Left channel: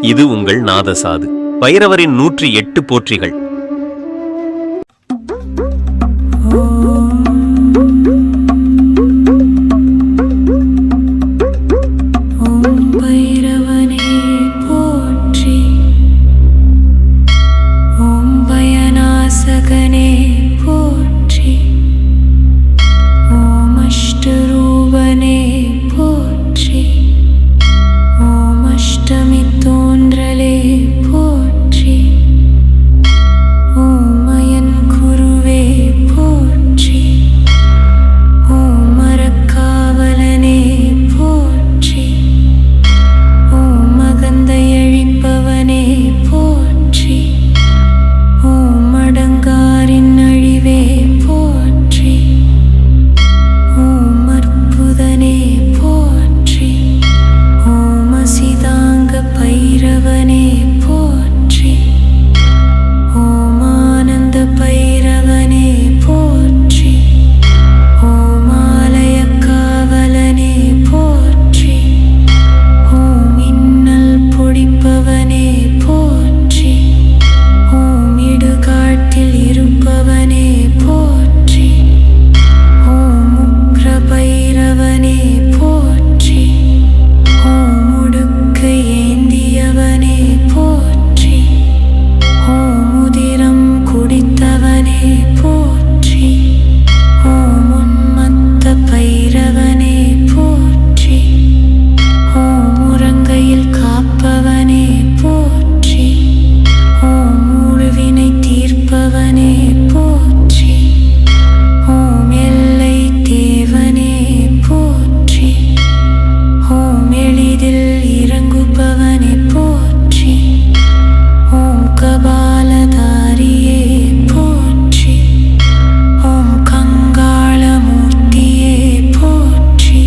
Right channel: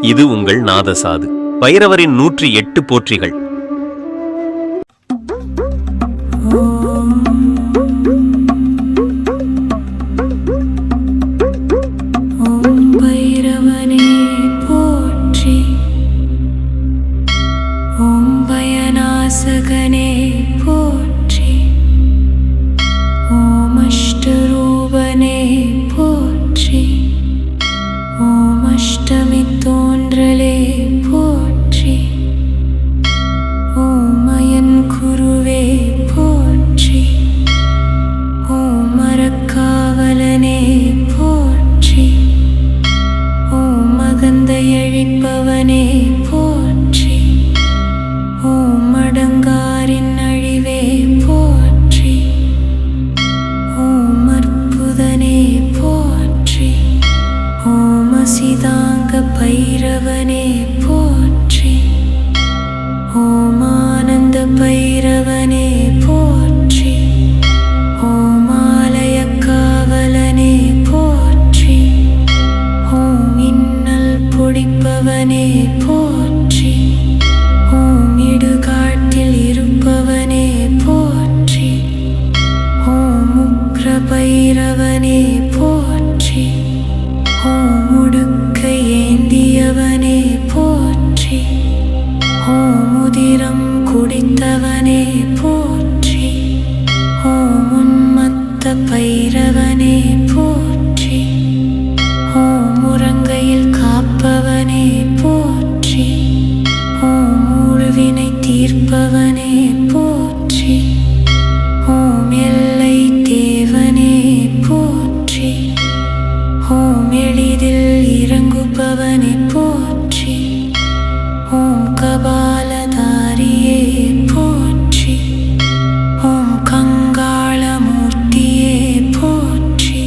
இது உங்கள் நாதசாது. பைரவரின் நூற்றி எட்டு போற்றிகள். அசிதாங்க பைரவனே போற்றி. ஓமானந்த பைரவனே குடித்தவனே போற்றி. ஓம் உன்மத்த பைரவனே போற்றி. ஓம் உறங்கையில் காப்பவனே போற்றி. ஓம் ஊழ்வினை தீர்ப்பவனே போற்றி. ஓம் எல்லை தேவனே போற்றி. ஓம் எளிதில் இறங்குபவனே போற்றி. கபாலதாரியே போற்றி. ஓம் கங்காளமூர்த்தியே போற்றி.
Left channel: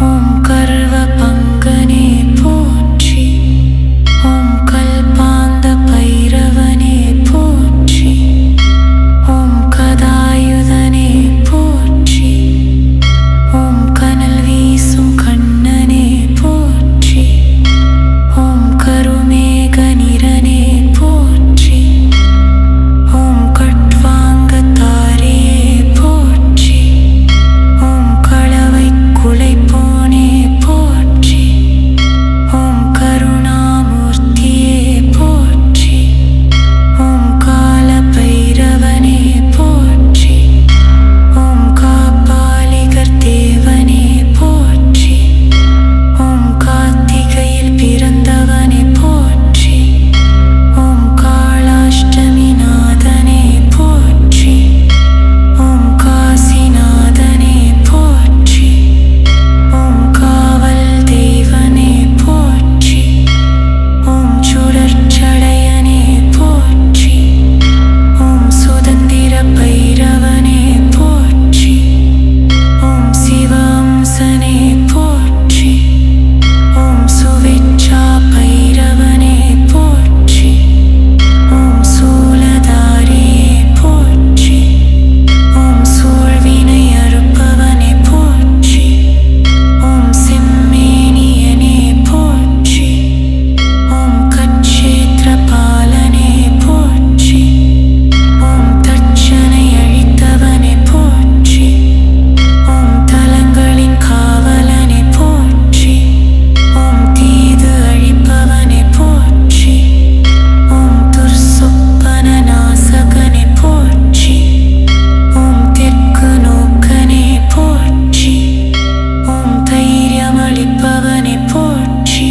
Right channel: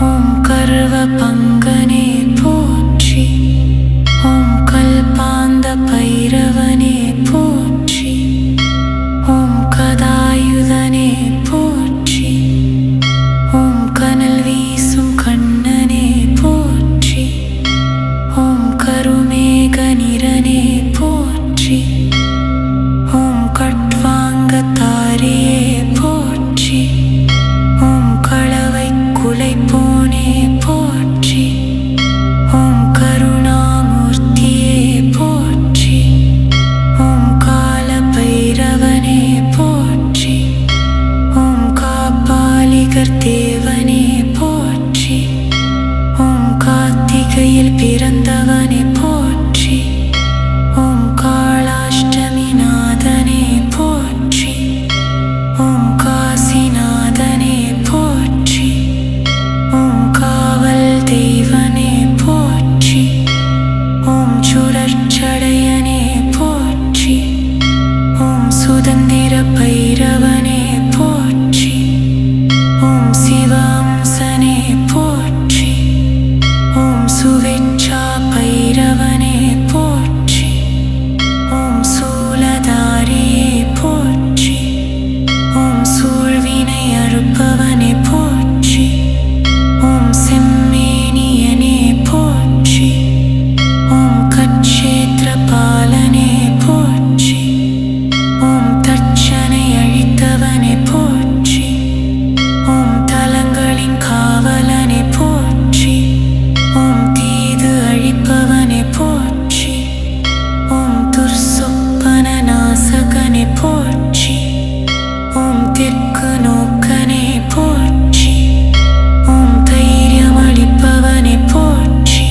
ஓம் கர்வ பங்கனே போற்றி. ஓம் கல்பாந்த பைரவனே போற்றி. ஓம் கதாயுதனே போற்றி. ஓம் கனல் வீசும் கண்ணனே போற்றி. ஓம் கருமேக நிறனே ஓம் கட்வாங்கத்தாரியே போற்றி. உம் களவை குலை போனே போற்றி. உம் கருணாமூர்த்தியே போற்றி. உம் கால பைரவனே போற்றி. உம் காப்பாளிகர் தேவனே போற்றி. உம் கார்த்திகையில் பிறந்தவனே போற்றி. உம் காளாஷ்டமி நாதனே போற்றி. ஓம் காசிநாதனே போற்றி. ஓம் காவல் தெய்வனே போற்றி. ஓம் சுடற்சடையனே போற்றி. ஓம் சுதந்திர பைரவனே போற்றி. ஓம் சிவாம்சனே போற்றி. ஓம் சுவேச்சா பைரவனே போற்றி. ஓம் சூலதாரியே போற்றி ஓம் சூழ்வினை அறுப்பவனை போற்றி ஓம் செம்மேனியனே போற்றி ஓம் கட்சேத்திர பாலனே சகனே போற்றி ஓம் தெற்கு நோக்கனே போற்றி ஓம் தைரியம் அளிப்பவனே போற்றி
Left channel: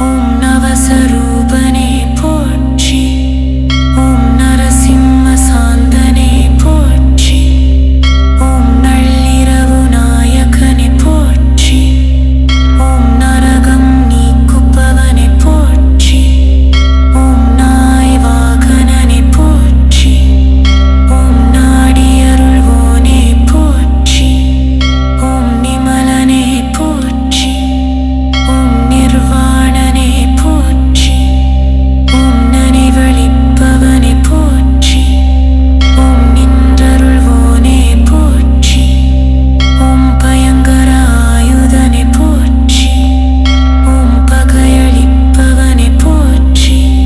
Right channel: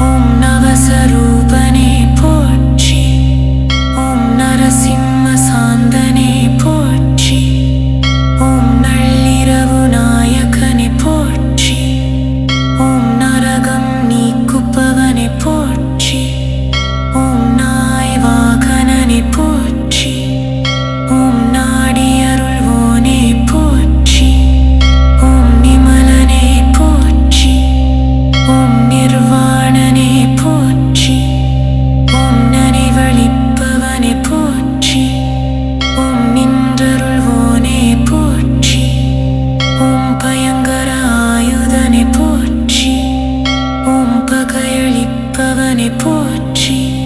ஓம் நவசரூபனே போற்றி ஓம் நரசிம்ம சாந்தனே போற்றி ஓம் நள்ளிரவு நாயகனே போற்றி ஓம் நரகம் நீக்குப்பவனே போற்றி. வாகனனை போற்றி. ஓம் நாடி அருள்வோனே போற்றி. ஓம் நிமலனே போற்றி. ஓம் நிர்வாணனே போற்றி. ஓம் நனிவழிப்பவனே போற்றி. ஓம் நின்றருள்வோனே போற்றி. ஓம் பயங்கர ஆயுதனை போற்றி ஓம் போற்றி.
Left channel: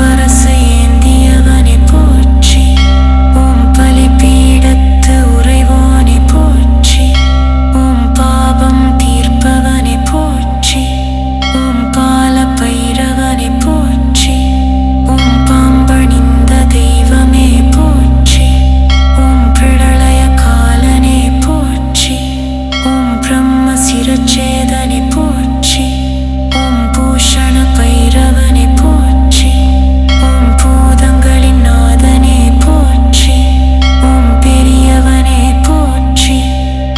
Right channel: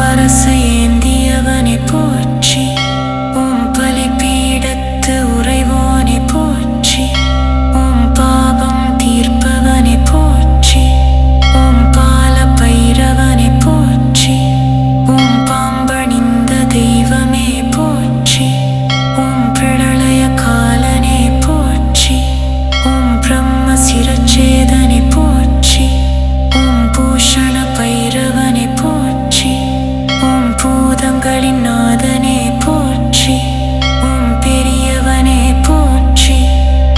முரசு ஏந்தியவனை போற்றி. உம் பலி பீடத்து உறைவோனை போற்றி. உம் பாபம் தீர்ப்பவனை போற்றி. உம் பால பைரவனை போற்றி. உம் பாம்பணிந்த தெய்வமே போற்றி. உம் பிரளய காலனே போற்றி. உம் பிரம்ம சிரச்சேதனை போற்றி. உம் பூஷண பைரவனை போற்றி. உம் பூதங்களின் நாதனே போற்றி. உம் பெரியவனே போற்றி.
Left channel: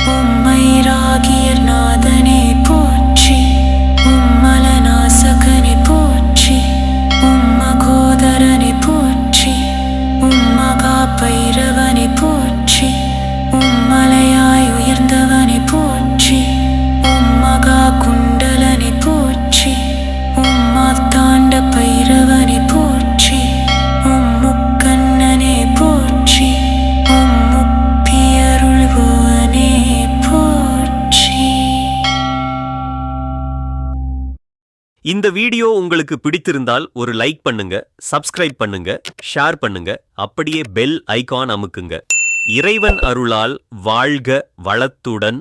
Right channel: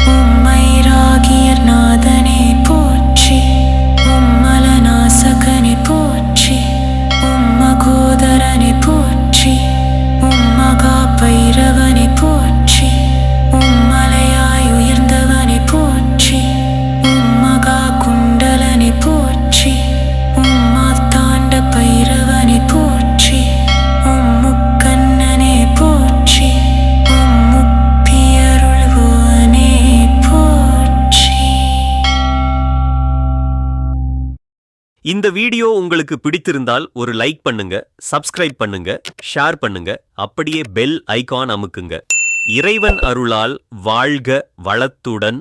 ஓம் மைராகியர் நாதனே போற்றி. ஓம் மலநாசகனை போற்றி. ஓம் மகோதரனை போற்றி. ஓம் மகா பைரவனை போற்றி. ஓம் மலையாய் உயர்ந்தவனை போற்றி. ஓம் மகா குண்டலனை போற்றி. ஓம் மாத்தாண்ட பைரவன் முப்பியருள்வோனே போற்றி. இந்த வீடியோ உங்களுக்கு பிடித்திருந்தால் ஒரு லைக் பண்ணுங்க சப்ஸ்கிரைப் பண்ணுங்க ஷேர் பண்ணுங்க அப்படியே பெல் ஐகான் அமுக்குங்க. இறைவன் அருளால் வாழ்க வளத்துடன்